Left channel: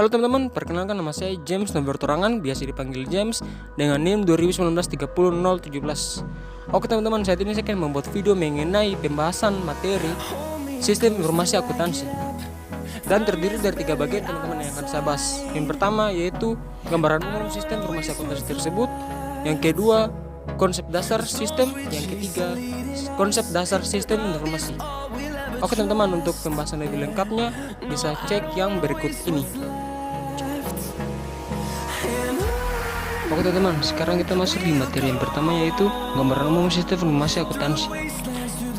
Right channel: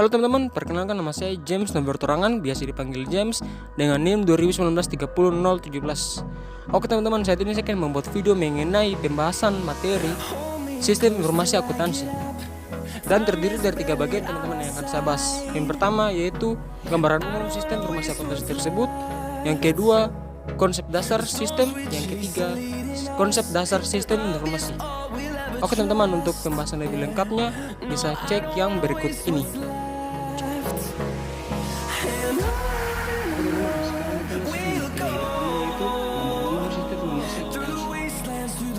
Halo teman-teman, perkenalkan nama saya James Nober Torangan, biasa dipanggil James dengan NIM 2019-30017. Oke teman-teman, saat ini saya akan membuat video mengenai pembahasan materi sistem informasi akuntansi. Dan terdiri dari 3 bagian teman-teman yang akan saya bahas. Yang pertama yaitu gambaran umum sistem informasi akuntansi tersebut. Yang kedua, konsep dasar sistem. Yang ketiga, konsep dasar sistem informasi. Oke teman-teman, untuk pembahasan lebih lengkapnya bisa cek yang berikut ini. Oke teman-teman, sekarang kita masuk di materi yang pertama yaitu gambaran umum sistem informasi akuntansi.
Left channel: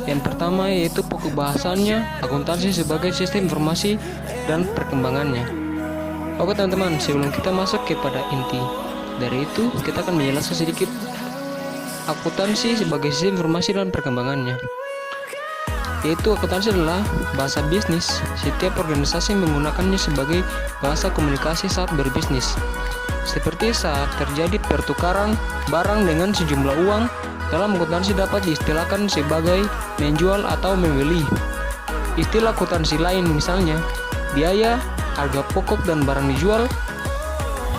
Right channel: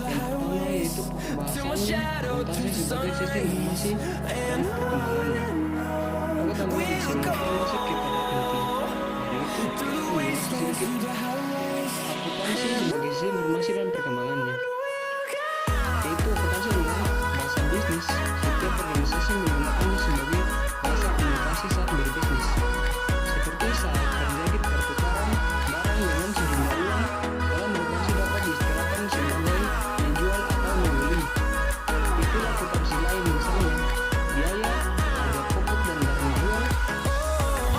Yang pertama yaitu pokok bahasannya akuntansi sebagai sistem informasi dan perkembangannya. Oke teman-teman, sebelum kita masuk kepada inti dari itu, kita akan menjelaskan sedikit akuntansi sebagai sistem informasi dan perkembangannya. Yaitu akuntansi adalah bahasa bisnis. Setiap organisasi menggunakannya sebagai bahasa komunikasi saat berbisnis. Seperti saat terjadi pertukaran barang dengan sejumlah uang, dalam akuntansi dapat diistilahkan sebagai menjual atau membeli. Istilah akuntansi lain misalnya biaya, harga pokok dan barang dijual,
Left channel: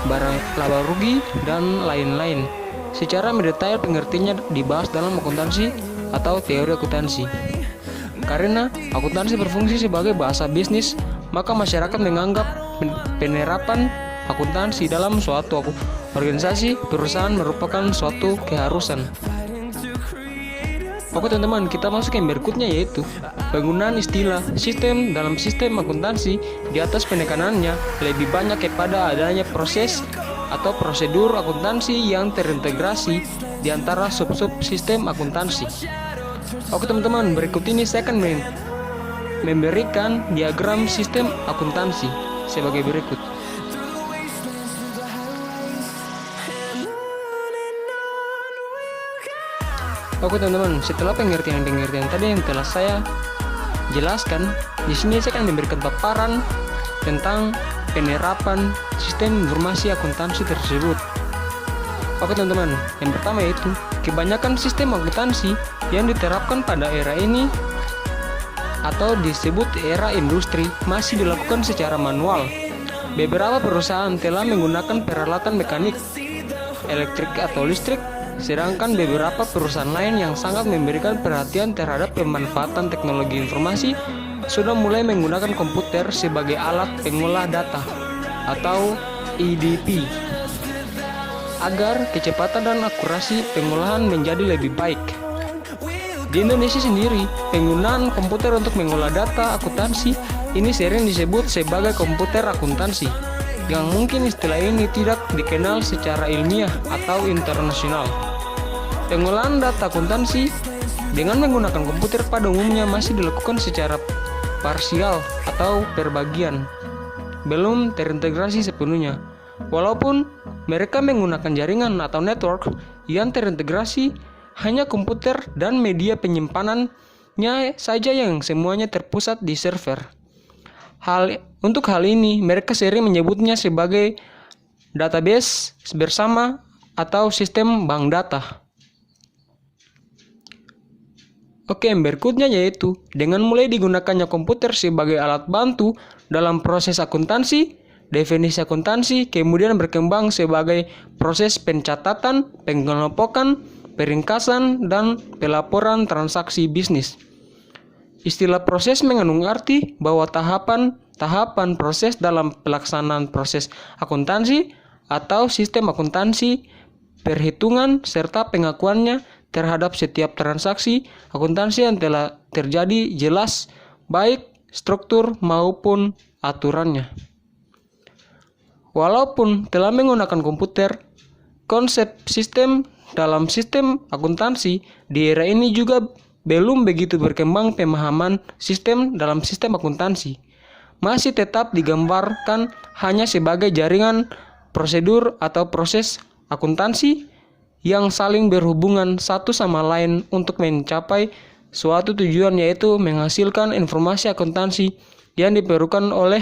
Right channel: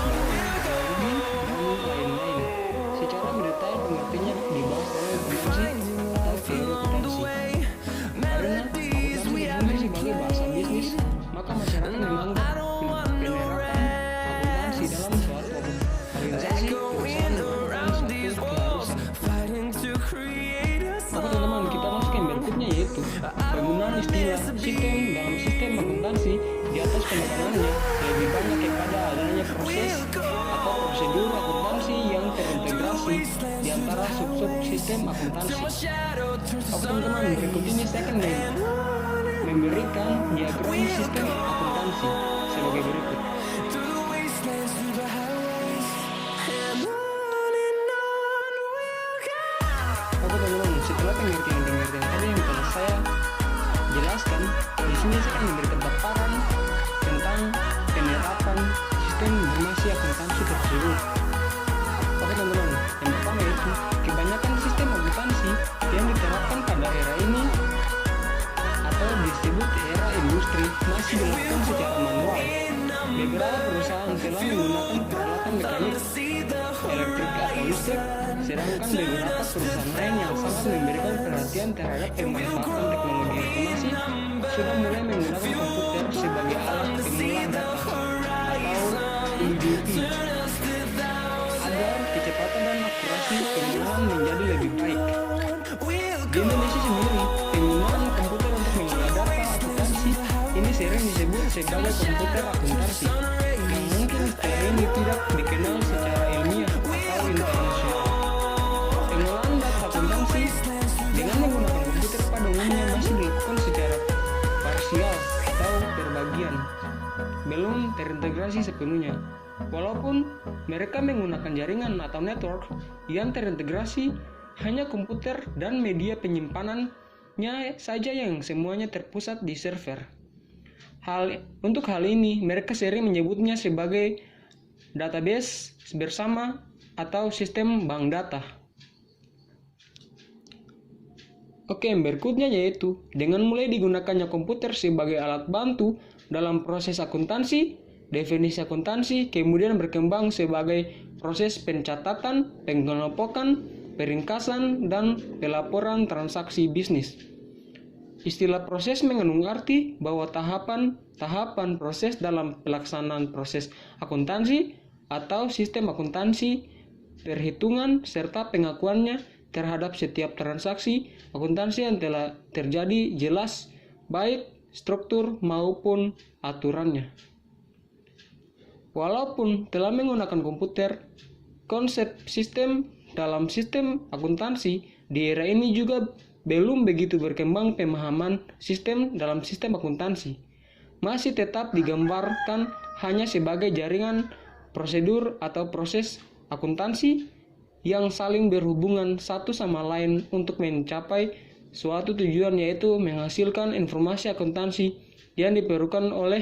barang laba rugi, dan lain-lain. Secara mendetail pengertiannya dibahas dalam akuntansi atau teori akuntansi. Karena akuntansi berfungsi sebagai bahasa bisnis, maka masyarakat menganggap penerapan akuntansi dalam suatu organisasi perusahaan merupakan suatu keharusan. Oke teman-teman, kita masuk yang berikutnya yaitu penggunaan istilah sistem dalam sistem akuntansi. Di atas penekanannya lebih banyak kepada adanya proses atau prosedur akuntansi yang terintegrasi di antara sub-sub sistem akuntansi. Oke teman-teman, berikut ini saya akan memberikan diagram sistem akuntansi sebagai berikut. Oke teman-teman, setelah pengertian tadi yang telah saya jelaskan, di sini saya akan memberikan paparan tentang penerapan sistem informasi akuntansi tersebut. Oke teman-teman, yang pertama yaitu kebanyakan sistem akuntansi yang diterapkan pada era ini atau disebut era industri masih dilakukan secara manual. Beberapa perusahaan telah menggunakan peralatan mekanik, elektrik atau listrik, sedangkan beberapa perusahaan lain yang sangat memberikan perhatian terhadap pemanfaatan teknologi informasi sudah mulai menggunakan komputer sebagai alat pengolah data atau EDP agar kecepatan dan akurasi pengolahan menjadi lebih baik. Di Indonesia sendiri, penggunaan komputer untuk mengolah data akuntansi ini sering disebut sebagai komputer akuntansi, yang mungkin istilah ini tidak dikenal secara ilmiah atau internasional. Pengolahan data akuntansi dengan menggunakan komputer pada umumnya masih dilakukan secara parsial atau berbagian, belum terintegrasi sepenuhnya. Walaupun mereka menggunakan jaringan atau network yang terintegrasi, hanya komputer dan media penyimpanannya saja yang semuanya terpusat di server. Untuk hal ini, mereka sering menyebutnya sebagai database bersama atau sistem bank data. Oke, yang berikutnya yaitu dengan mulai digunakannya komputer sebagai alat bantu dalam proses akuntansi, definisi akuntansi kemudian berkembang sebagai proses pencatatan, pengelompokan, peringkasan, dan pelaporan transaksi bisnis. Istilah proses mengandung arti bahwa tahapan proses dalam pelaksanaan proses akuntansi atau sistem akuntansi, perhitungan, serta pengakuannya terhadap setiap transaksi akuntansi yang telah terjadi jelas, baik struktur maupun aturannya. Walaupun telah menggunakan komputer, konsep sistem dalam sistem akuntansi di era ini juga belum begitu berkembang. Pemahaman sistem dalam sistem akuntansi masih tetap digambarkan hanya sebagai jaringan prosedur atau proses akuntansi yang saling berhubungan satu sama lain untuk mencapai suatu tujuan, yaitu menghasilkan informasi akuntansi yang diperlukan oleh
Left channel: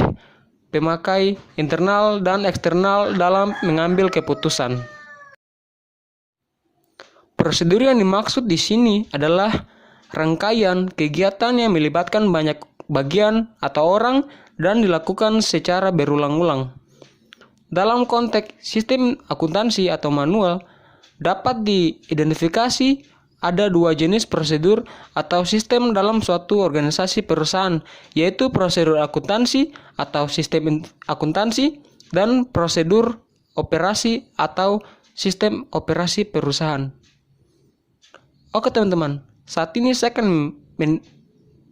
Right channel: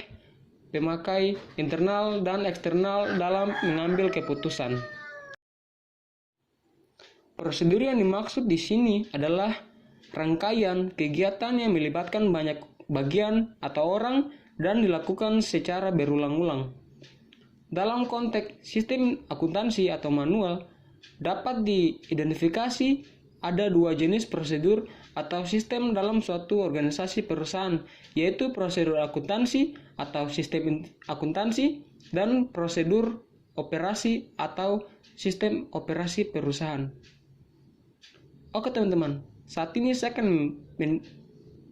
pemakai internal dan eksternal dalam mengambil keputusan. Prosedur yang dimaksud di sini adalah rangkaian kegiatan yang melibatkan banyak bagian atau orang dan dilakukan secara berulang-ulang. Dalam konteks sistem akuntansi atau manual, dapat diidentifikasi ada dua jenis prosedur atau sistem dalam suatu organisasi perusahaan, yaitu prosedur akuntansi atau sistem akuntansi dan prosedur operasi atau sistem operasi perusahaan. Oke teman-teman, saat ini saya akan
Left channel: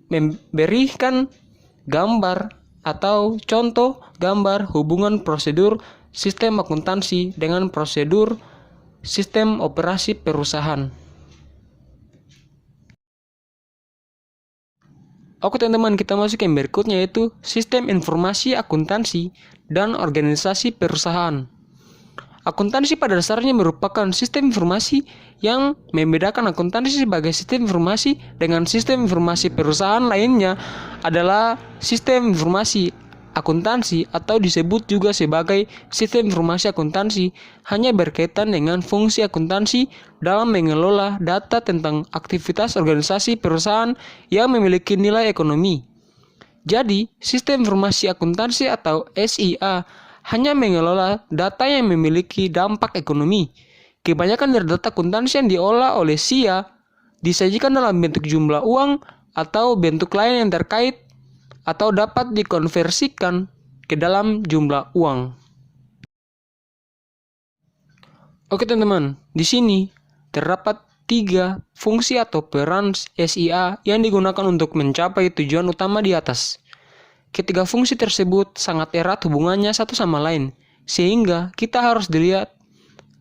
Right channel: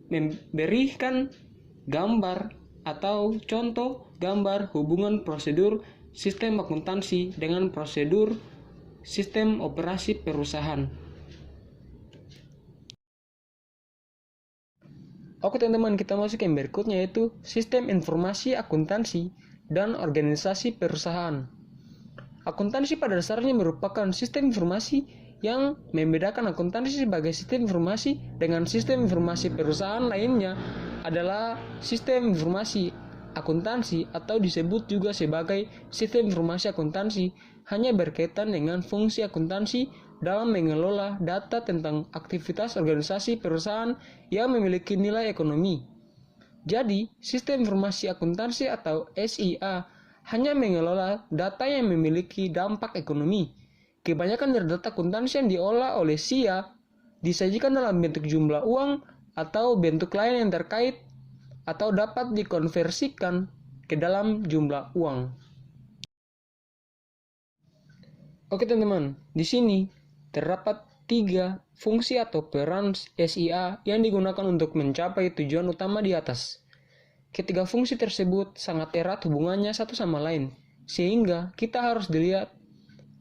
memberikan gambar atau contoh gambar hubungan prosedur sistem akuntansi dengan prosedur sistem operasi perusahaan. Oke teman-teman, kita masuk yang berikutnya, yaitu sistem informasi akuntansi dan organisasi perusahaan. Akuntansi pada dasarnya merupakan sistem informasi yang membedakan akuntansi sebagai sistem informasi dengan sistem informasi perusahaan lainnya adalah sistem informasi akuntansi atau disebut juga sebagai sistem informasi akuntansi hanya berkaitan dengan fungsi akuntansi dalam mengelola data tentang aktivitas organisasi perusahaan yang memiliki nilai ekonomi. Jadi, sistem informasi akuntansi atau SIA hanya mengelola data yang memiliki dampak ekonomi. Kebanyakan dari data akuntansi yang diolah oleh SIA disajikan dalam bentuk jumlah uang atau bentuk lain yang terkait atau dapat dikonversikan ke dalam jumlah uang. Oke teman-teman, di sini terdapat 3 fungsi atau peran SIA yang digunakan untuk mencapai tujuan utama di atas. Ketiga fungsi tersebut sangat erat hubungannya satu sama lain, sehingga kita harus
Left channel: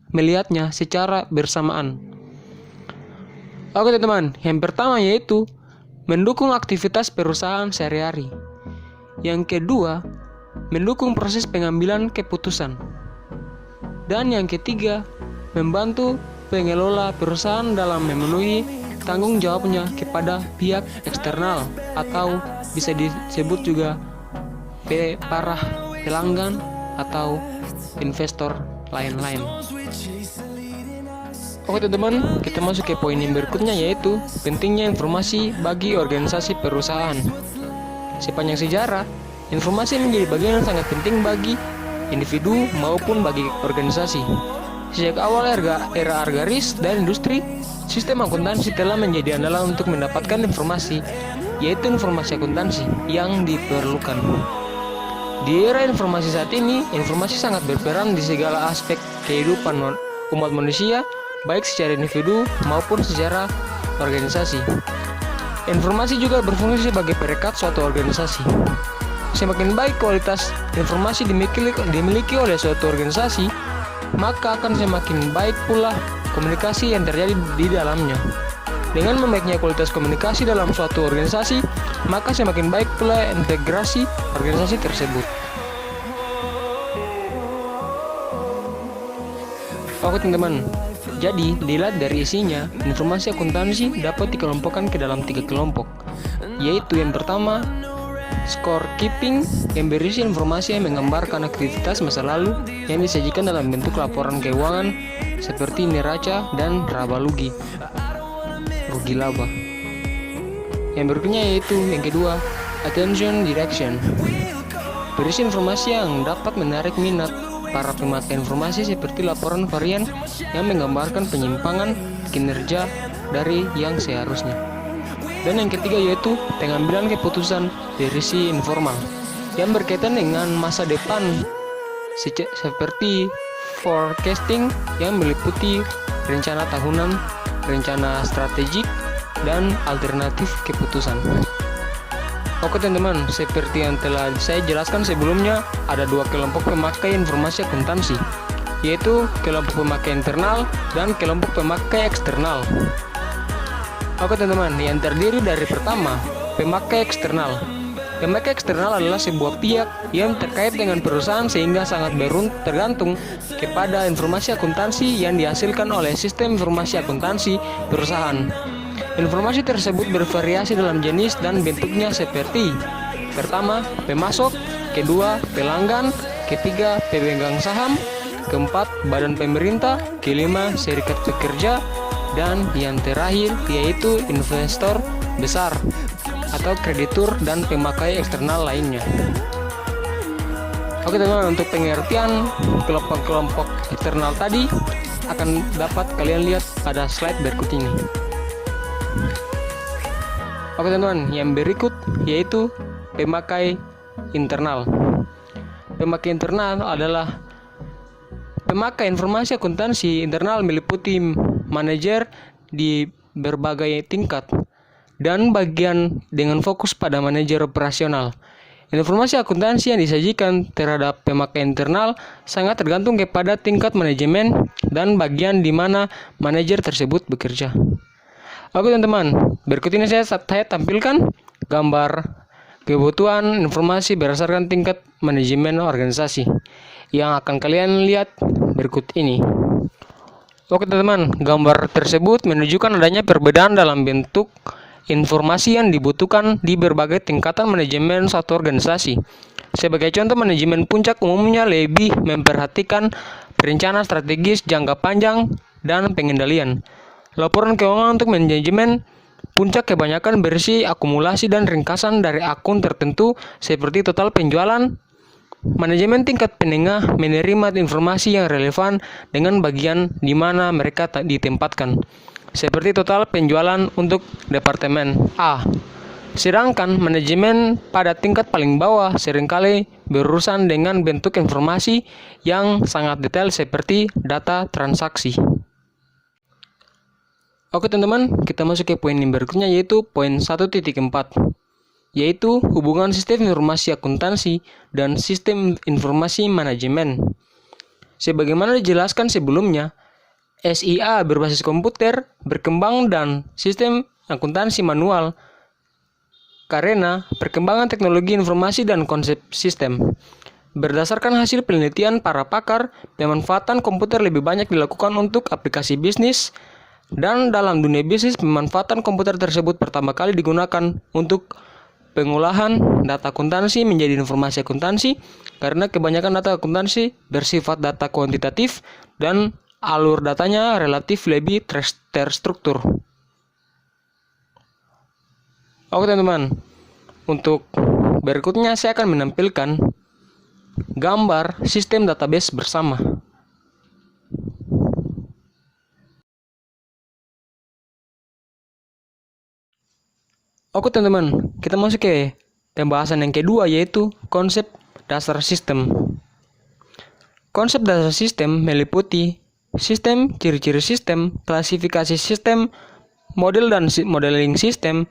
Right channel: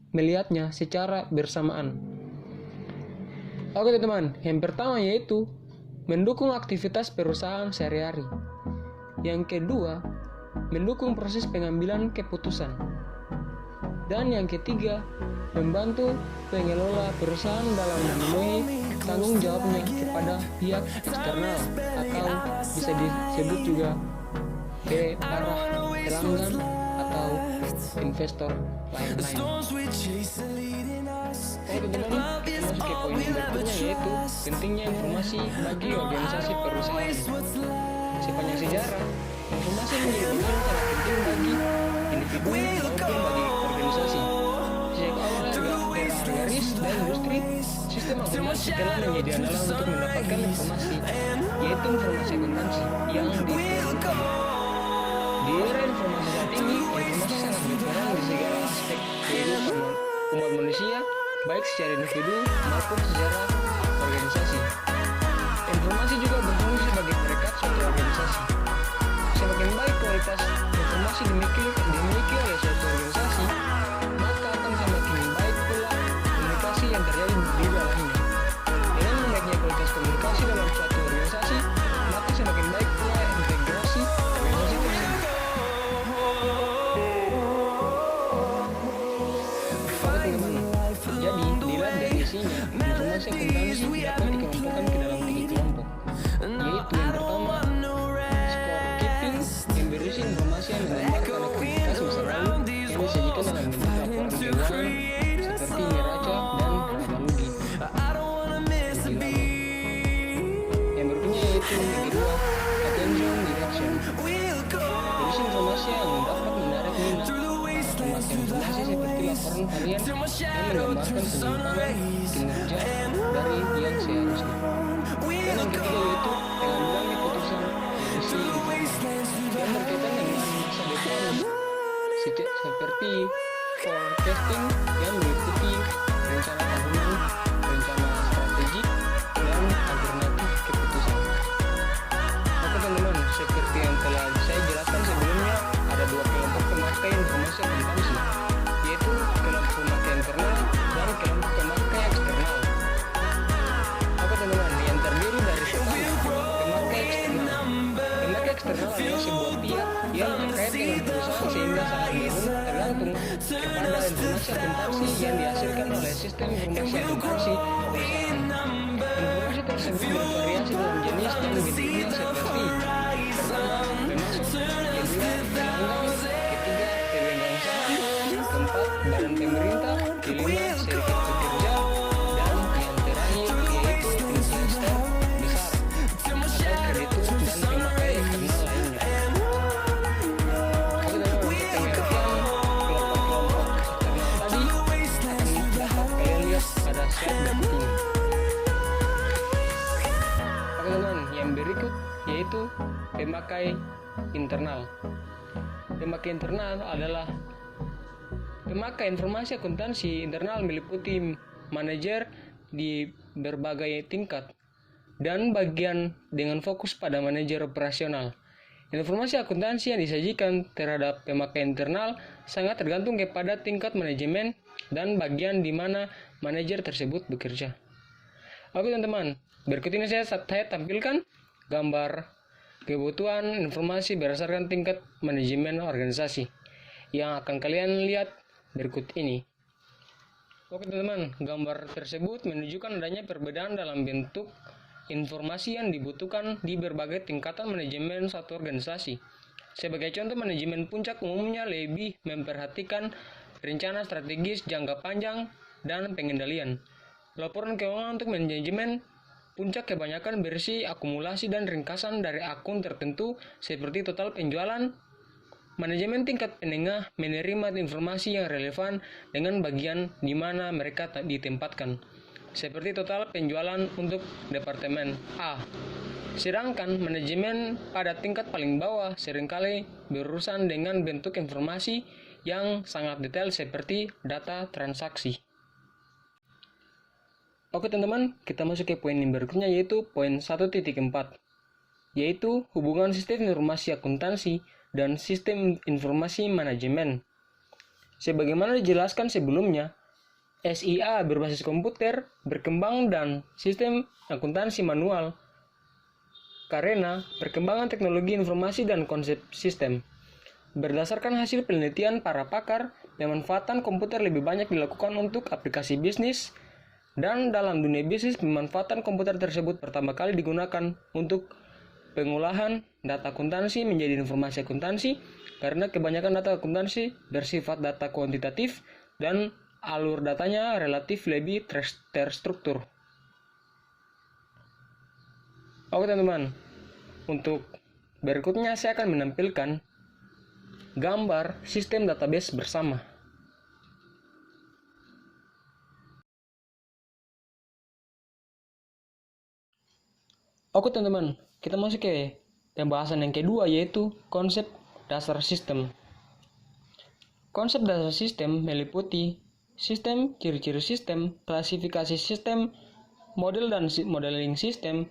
melihatnya secara bersamaan. Oke teman-teman, yang pertama yaitu mendukung aktivitas perusahaan sehari-hari. Yang kedua, mendukung proses pengambilan keputusan. Dan yang ketiga, membantu pengelola perusahaan dalam memenuhi tanggung jawabnya kepada pihak eksternal atau bisa disebut juga para pelanggan atau investor lain-lain. Oke teman-teman, kita masuk ke poin yang berikutnya, yaitu pentingnya informasi bagi organisasi perusahaan. Sepanjang sejarah, informasi menjadi bagian yang sangat penting bagi individu maupun bagi organisasi. Sejak awal era agraris dan industri, sistem akuntansi telah menjadi andalan untuk mendapatkan informasi, yaitu informasi akuntansi yang diperlukan. Di era informasi saat ini, informasi sangat berperan di segala aspek kehidupan umat manusia, baik secara individu maupun secara organisasi. Informasi juga berfungsi sebagai perekat suatu organisasi. Semakin baik kualitas informasi dimiliki oleh suatu organisasi, maka akan semakin baik pula komunikasi yang terjadi di dalamnya. Dengan membaiknya kualitas komunikasi dalam suatu organisasi, maka semakin baik pula integrasi organisasi tersebut. Oke teman-teman, jadi dilihat dari isinya, informasi akuntansi dapat dikelompokkan ke dalam 3 kelompok, yaitu yang pertama, scorekeeping, yang berisi informasi yang menggambarkan aktivitas masa lalu yang disajikan dalam bentuk laporan keuangan seperti neraca dan rugi laba. Yang berikutnya yaitu yang kedua, attention direction, berisi informasi yang dapat menarik minat para pemakai informasi seperti laporan varian yang menggambarkan penyimpangan kinerja dari yang seharusnya. Dan yang ketiga yaitu pengambilan keputusan berisi informal yang berkaitan dengan masa depan seperti forecasting yang meliputi rencana tahunan, rencana strategik, dan alternatif keputusan. Oke teman-teman, seperti yang telah saya jelaskan sebelumnya, ada 2 kelompok pemakai informasi akuntansi, yaitu kelompok pemakai internal dan kelompok pemakai eksternal. Oke teman-teman, yang terdiri dari pertama, pemakai eksternal. Pemakai eksternal adalah sebuah pihak yang terkait dengan perusahaan sehingga sangat tergantung kepada informasi akuntansi yang dihasilkan oleh sistem informasi akuntansi perusahaan. Informasi tersebut bervariasi dalam jenis dan bentuknya seperti: pertama, pemasok; kedua, pelanggan; ketiga, pemegang saham; keempat, badan pemerintah; kelima, serikat pekerja; dan yang terakhir yaitu investor besar atau kreditur dan pemakai eksternal lainnya. Oke teman-teman, untuk pengertian kelompok-kelompok eksternal tadi akan dapat kalian lihat pada slide berikut ini. Oke teman-teman, yang berikut yaitu pemakai internal. Pemakai internal adalah pemakai informasi akuntansi internal meliputi manajer di berbagai tingkat dan bagian dengan fokus pada manajer operasional. Informasi akuntansi yang disajikan terhadap pemakai internal sangat tergantung kepada tingkat manajemen dan bagian di mana manajer tersebut bekerja. Oke teman-teman, berikut ini saya tampilkan gambar kebutuhan informasi berdasarkan tingkat manajemen organisasi yang akan kalian lihat berikut ini. Oke teman-teman, gambar tersebut menunjukkan adanya perbedaan dalam bentuk informasi yang dibutuhkan di berbagai tingkatan manajemen suatu organisasi. Sebagai contoh, manajemen puncak umumnya lebih memperhatikan perencanaan strategis jangka panjang dan pengendalian. Laporan keuangan untuk manajemen puncak kebanyakan berisi akumulasi dan ringkasan dari akun tertentu seperti total penjualan. Manajemen tingkat menengah menerima informasi yang relevan dengan bagian di mana mereka ditempatkan, seperti total penjualan untuk departemen A. Sedangkan manajemen pada tingkat paling bawah seringkali berurusan dengan bentuk informasi yang sangat detail seperti data transaksi. Oke teman-teman, kita masuk ke poin yang berikutnya yaitu poin 1.4, yaitu hubungan sistem informasi akuntansi dan sistem informasi manajemen. Sebagaimana dijelaskan sebelumnya, SIA berbasis komputer berkembang dan sistem akuntansi manual karena perkembangan teknologi informasi dan konsep sistem. Berdasarkan hasil penelitian para pakar, pemanfaatan komputer lebih banyak dilakukan untuk aplikasi bisnis, dan dalam dunia bisnis pemanfaatan komputer tersebut pertama kali digunakan untuk pengolahan data akuntansi menjadi informasi akuntansi karena kebanyakan data akuntansi bersifat data kuantitatif dan alur datanya relatif lebih terstruktur. Oke teman-teman, untuk berikutnya saya akan menampilkan gambar sistem database bersama. Oke teman-teman, kita masuk ke pembahasan yang kedua yaitu konsep dasar sistem. Konsep dasar sistem meliputi sistem, ciri-ciri sistem, klasifikasi sistem, model dan modeling sistem,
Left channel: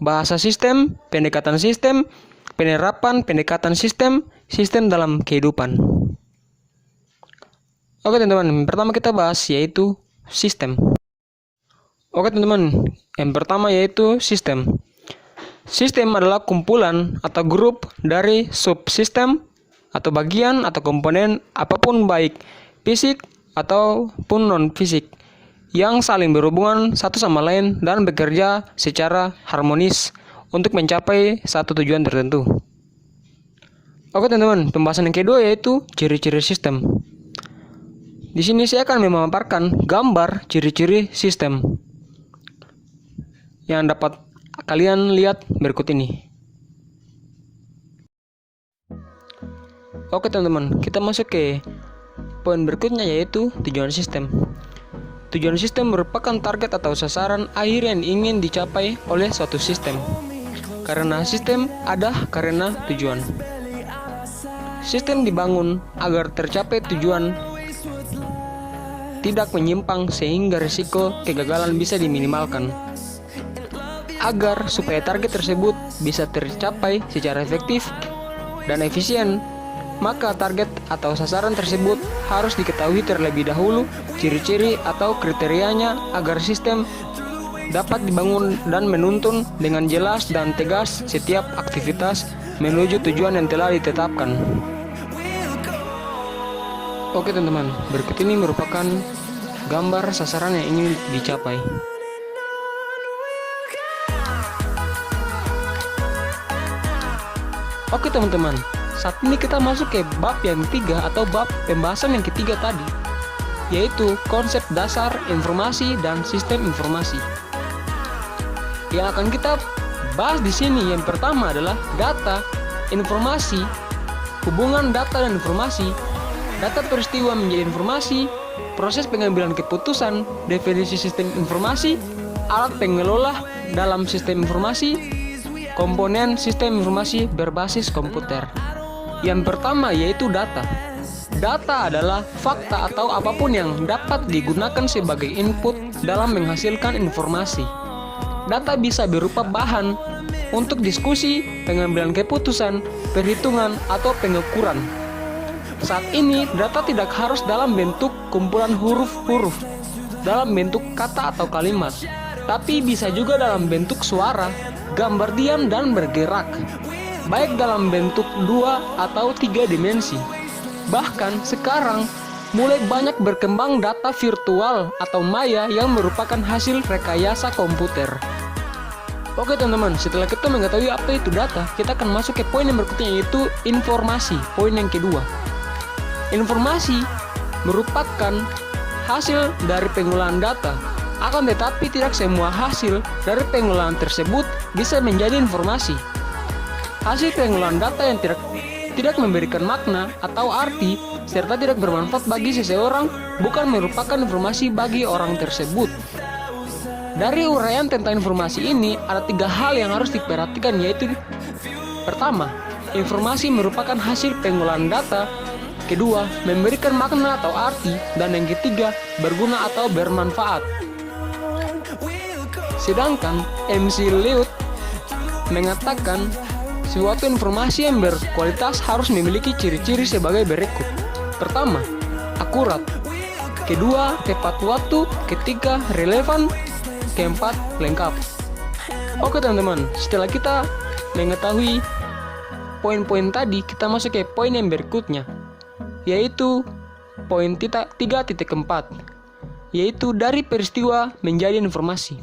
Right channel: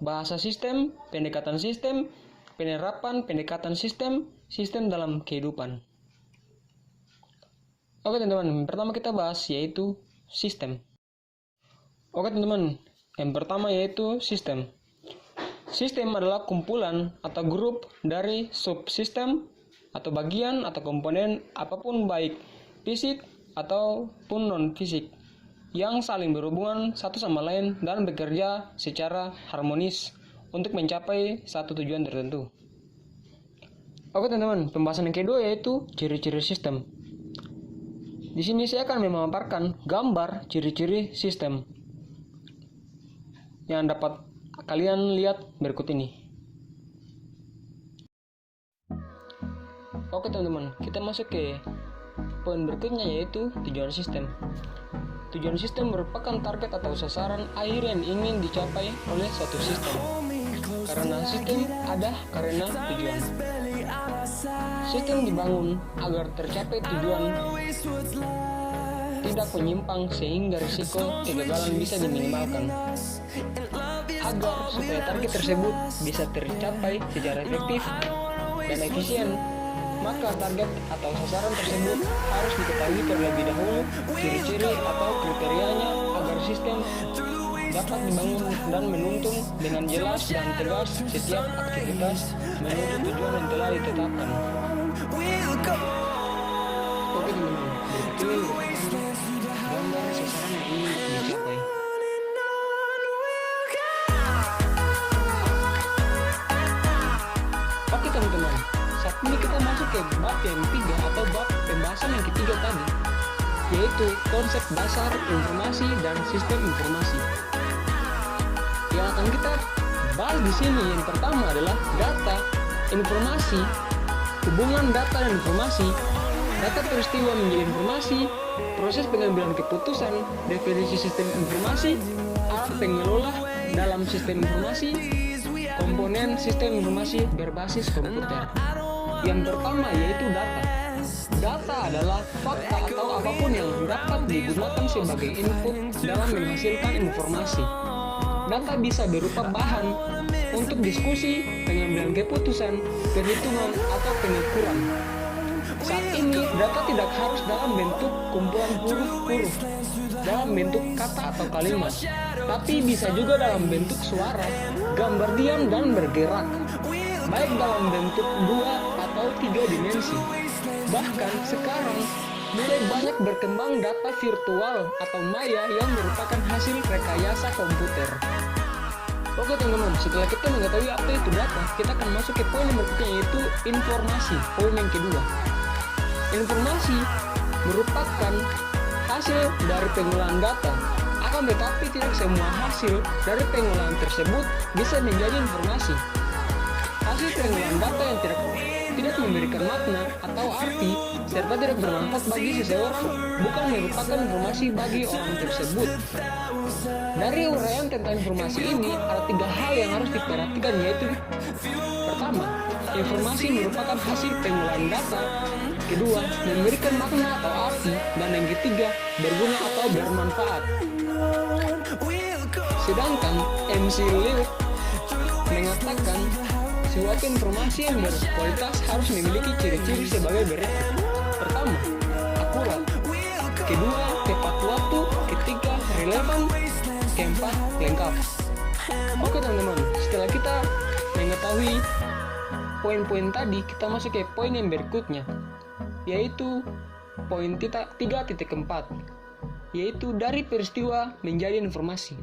bahasa sistem, pendekatan sistem, penerapan pendekatan sistem, sistem dalam kehidupan. Oke teman-teman, pertama kita bahas yaitu sistem. Oke teman-teman, yang pertama yaitu sistem. Sistem adalah kumpulan atau grup dari subsistem atau bagian atau komponen apapun baik fisik ataupun non-fisik yang saling berhubungan satu sama lain dan bekerja secara harmonis untuk mencapai satu tujuan tertentu. Oke teman-teman, pembahasan yang kedua yaitu ciri-ciri sistem. Di sini saya akan memaparkan gambar ciri-ciri sistem yang dapat kalian lihat berikut ini. Oke teman-teman, kita masuk ke poin berikutnya yaitu tujuan sistem. Tujuan sistem merupakan target atau sasaran akhir yang ingin dicapai oleh suatu sistem. Karena sistem ada karena tujuan. Sistem dibangun agar tercapai tujuan tidak menyimpang sehingga risiko kegagalan bisa diminimalkan. Agar supaya target tersebut bisa tercapai secara efektif dan efisien, maka target atau sasaran tersebut harus diketahui terlebih dahulu ciri-ciri atau kriterianya agar sistem dapat dibangun dan menuntun dengan jelas dan tegas setiap aktivitas menuju tujuan yang telah ditetapkan. Oke teman-teman, berikut ini merupakan gambar sasaran yang ingin dicapai. Oke teman-teman, saat ini kita masuk ke bab yang ketiga atau bab pembahasan yang ketiga tadi, yaitu konsep dasar informasi dan sistem informasi. Yang akan kita bahas di sini yang pertama adalah data, informasi, hubungan data dan informasi, data peristiwa menjadi informasi, proses pengambilan keputusan, definisi sistem informasi, alat pengelola dalam sistem informasi, komponen sistem informasi berbasis komputer. Yang pertama yaitu data. Data adalah fakta atau apapun yang dapat digunakan sebagai input dalam menghasilkan informasi. Data bisa berupa bahan untuk diskusi, pengambilan keputusan, perhitungan, atau pengukuran. Saat ini, data tidak harus dalam bentuk kumpulan huruf-huruf, dalam bentuk kata atau kalimat, tapi bisa juga dalam bentuk suara, gambar diam dan bergerak, baik dalam bentuk 2 atau 3 dimensi. Bahkan sekarang, mulai banyak berkembang data virtual atau maya yang merupakan hasil rekayasa komputer. Oke teman-teman, setelah kita mengetahui apa itu data, kita akan masuk ke poin yang berikutnya, yaitu informasi, poin yang kedua. Informasi merupakan hasil dari pengolahan data, akan tetapi tidak semua hasil dari pengolahan tersebut bisa menjadi informasi. Hasil pengolahan data yang tidak memberikan makna atau arti serta tidak bermanfaat bagi seseorang bukan merupakan informasi bagi orang tersebut. Dari uraian tentang informasi ini, ada 3 hal yang harus diperhatikan, yaitu pertama, informasi merupakan hasil pengolahan data, kedua, memberikan makna atau arti, dan yang ketiga, berguna atau bermanfaat. Sedangkan MC Lewis mengatakan suatu informasi yang berkualitas harus memiliki ciri-ciri sebagai berikut. Pertama, akurat. Kedua, tepat waktu. Ketiga, relevan. Keempat, lengkap. Oke teman-teman, setelah kita mengetahui poin-poin tadi, kita masuk ke poin yang berikutnya, yaitu poin 3.4, yaitu dari peristiwa menjadi informasi.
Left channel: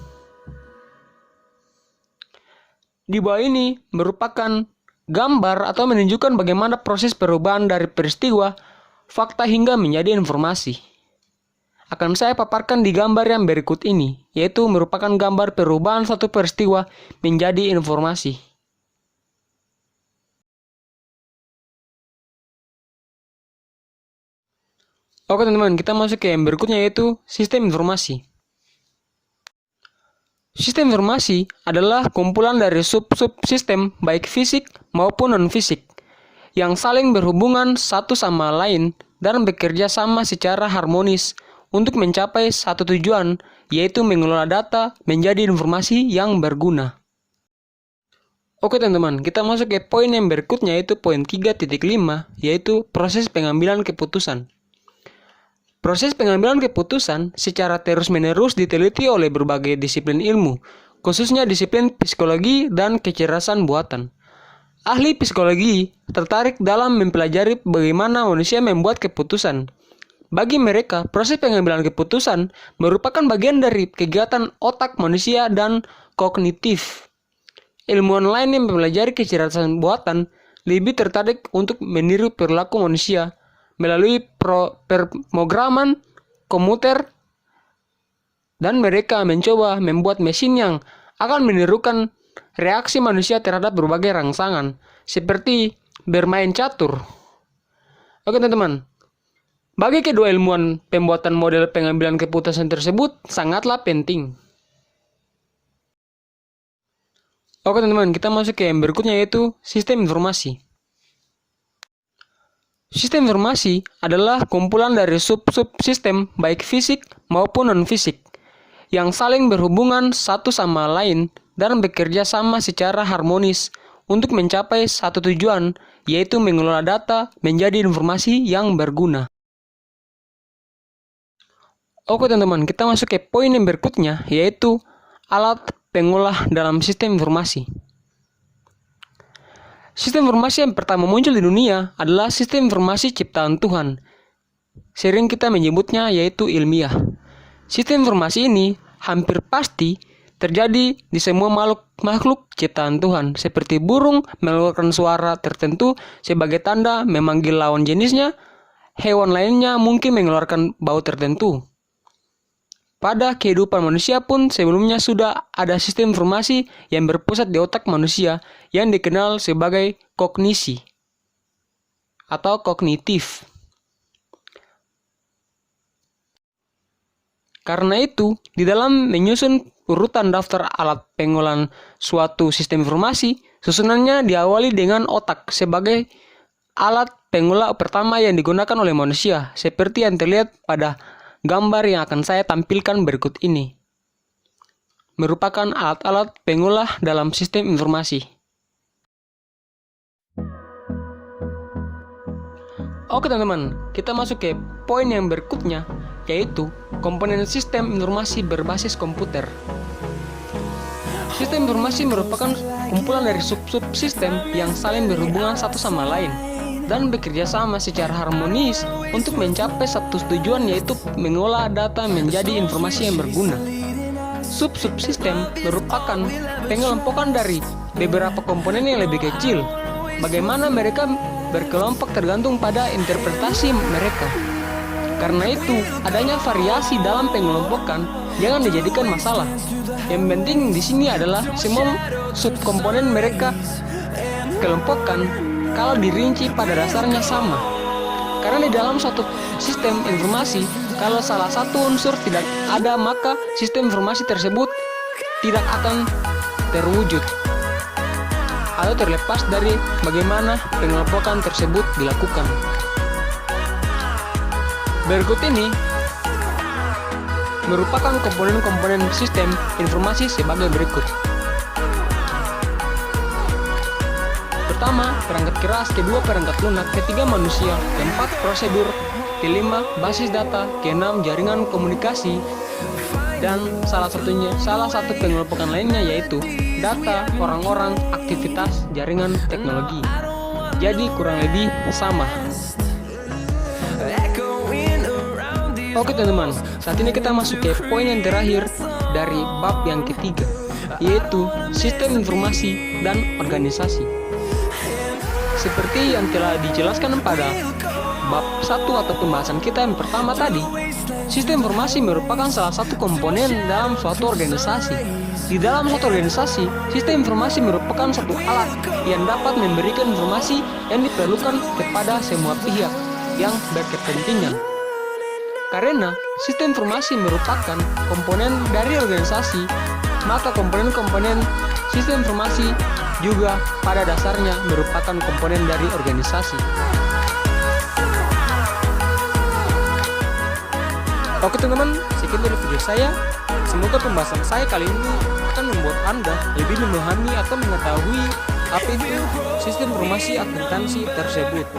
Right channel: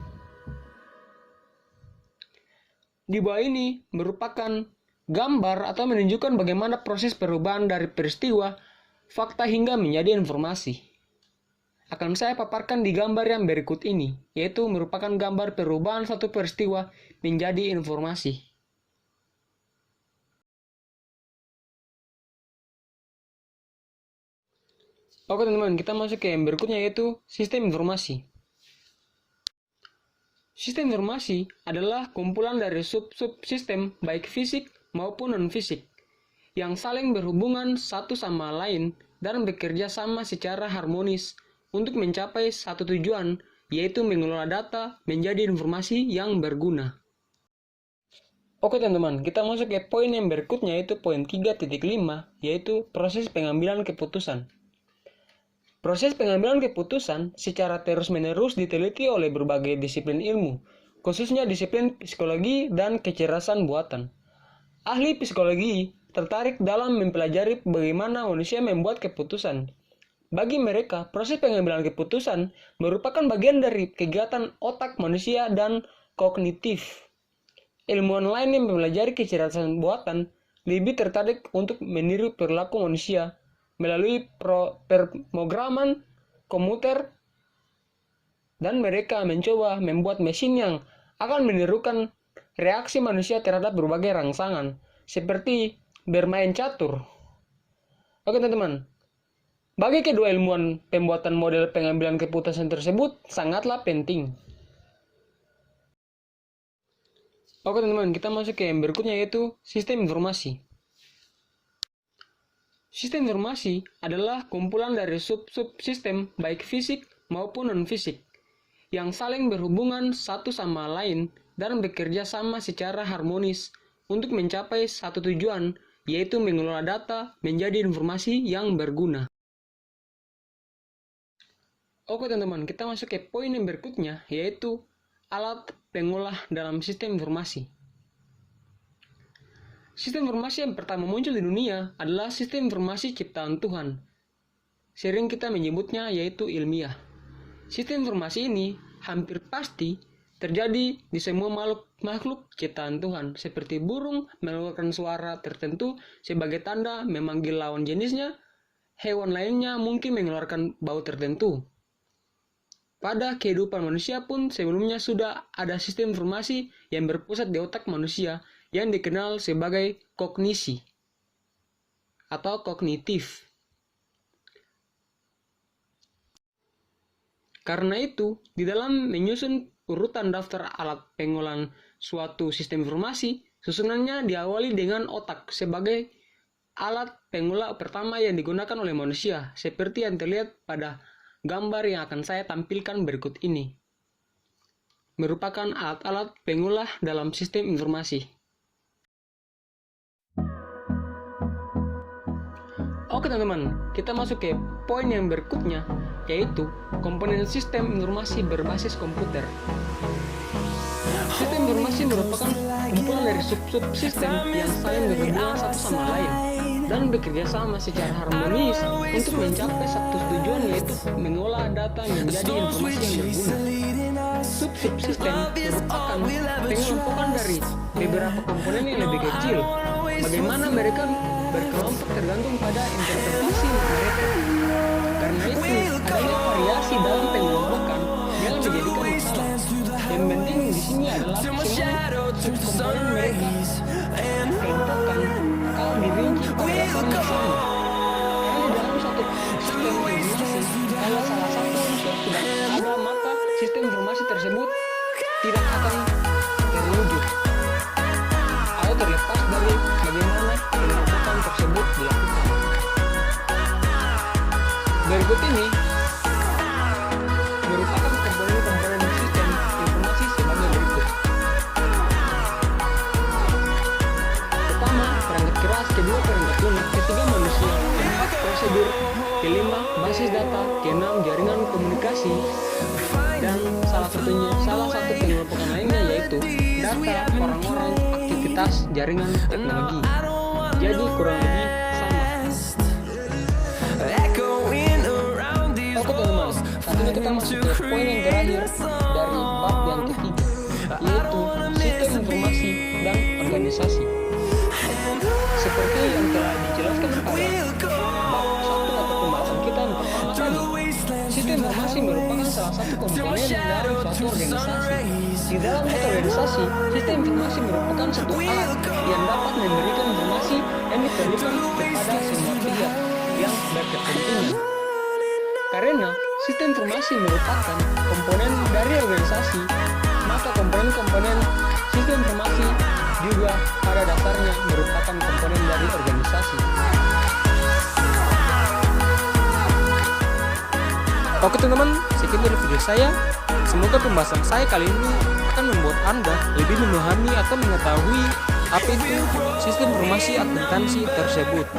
Di bawah ini merupakan gambar atau menunjukkan bagaimana proses perubahan dari peristiwa, fakta hingga menjadi informasi. Akan saya paparkan di gambar yang berikut ini, yaitu merupakan gambar perubahan suatu peristiwa menjadi informasi. Oke teman-teman, kita masuk ke yang berikutnya, yaitu sistem informasi. Sistem informasi adalah kumpulan dari sub-subsistem baik fisik maupun non-fisik yang saling berhubungan satu sama lain dan bekerja sama secara harmonis untuk mencapai satu tujuan, yaitu mengelola data menjadi informasi yang berguna. Oke teman-teman, kita masuk ke poin yang berikutnya, yaitu poin 3.5, yaitu proses pengambilan keputusan. Proses pengambilan keputusan secara terus-menerus diteliti oleh berbagai disiplin ilmu, khususnya disiplin psikologi dan kecerdasan buatan. Ahli psikologi tertarik dalam mempelajari bagaimana manusia membuat keputusan. Bagi mereka, proses pengambilan keputusan merupakan bagian dari kegiatan otak manusia dan kognitif. Ilmuwan lain yang mempelajari kecerdasan buatan lebih tertarik untuk meniru perilaku manusia melalui pemrograman komputer, dan mereka mencoba membuat mesin yang akan menirukan reaksi manusia terhadap berbagai rangsangan, seperti bermain catur. Oke teman-teman, bagi kedua ilmuwan, pembuatan model pengambilan keputusan tersebut sangatlah penting. Oke teman-teman, kita masuk ke yang berikutnya, yaitu sistem informasi. Sistem informasi adalah kumpulan dari sub-subsistem baik fisik maupun non-fisik yang saling berhubungan satu sama lain dan bekerja sama secara harmonis untuk mencapai satu tujuan, yaitu mengelola data menjadi informasi yang berguna. Oke teman-teman, kita masuk ke poin yang berikutnya, yaitu alat pengolah dalam sistem informasi. Sistem informasi yang pertama muncul di dunia adalah sistem informasi ciptaan Tuhan. Sering kita menyebutnya yaitu ilmiah. Sistem informasi ini hampir pasti terjadi di semua makhluk ciptaan Tuhan, seperti burung mengeluarkan suara tertentu sebagai tanda memanggil lawan jenisnya, hewan lainnya mungkin mengeluarkan bau tertentu. Pada kehidupan manusia pun sebelumnya sudah ada sistem informasi yang berpusat di otak manusia yang dikenal sebagai kognisi. atau kognitif. Karena itu, di dalam menyusun urutan daftar alat pengolahan suatu sistem informasi, susunannya diawali dengan otak sebagai alat pengolah pertama yang digunakan oleh manusia, seperti yang terlihat pada gambar yang akan saya tampilkan berikut ini. Merupakan alat-alat pengolah dalam sistem informasi. Oke teman-teman, kita masuk ke poin yang berikutnya, yaitu komponen sistem informasi berbasis komputer. Sistem informasi merupakan kumpulan dari sub-sub sistem yang saling berhubungan satu sama lain dan bekerja sama secara harmonis untuk mencapai satu tujuan, yaitu mengolah data menjadi informasi yang berguna. Sub-sub sistem merupakan pengelompokan dari beberapa komponen yang lebih kecil. Bagaimana mereka berkelompok tergantung pada interpretasi mereka. Karena itu, adanya variasi dalam pengelompokan jangan dijadikan masalah. Yang penting di sini adalah semua subkomponen mereka kelompokkan kalau dirinci pada dasarnya sama. Karena di dalam suatu sistem informasi, kalau salah satu unsur tidak ada, maka sistem informasi tersebut tidak akan terwujud atau terlepas dari bagaimana pengelompokan tersebut dilakukan. Berikut ini merupakan komponen-komponen sistem informasi sebagai berikut. Pertama, perangkat keras, kedua perangkat lunak, ketiga manusia, keempat prosedur, kelima basis data, keenam jaringan komunikasi, dan salah satu pengelompokan lainnya yaitu data, orang-orang, aktivitas, jaringan, teknologi. Jadi kurang lebih sama. Oke teman-teman, saat ini kita masuk ke poin yang terakhir dari bab yang ketiga, yaitu sistem informasi dan organisasi. Seperti yang telah dijelaskan pada bab 1 atau pembahasan kita yang pertama tadi, sistem informasi merupakan salah satu komponen dalam suatu organisasi. Di dalam suatu organisasi, sistem informasi merupakan satu alat yang dapat memberikan informasi yang diperlukan kepada semua pihak yang berkepentingan. Karena sistem informasi merupakan komponen dari organisasi, maka komponen-komponen sistem informasi juga pada dasarnya merupakan komponen dari organisasi. Oke teman-teman, sekian dari video saya. Semoga pembahasan saya kali ini akan membuat Anda lebih memahami atau mengetahui apa itu sistem informasi akuntansi tersebut.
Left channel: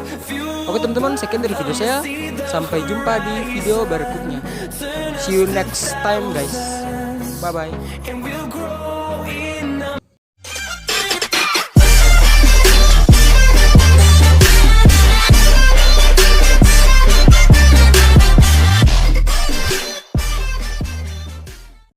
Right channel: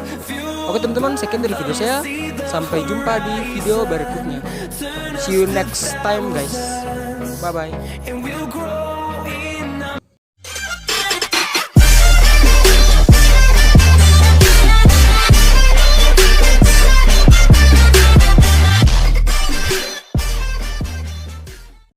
Oke teman-teman, sekian dari video saya. Sampai jumpa di video berikutnya. See you next time guys. Bye bye.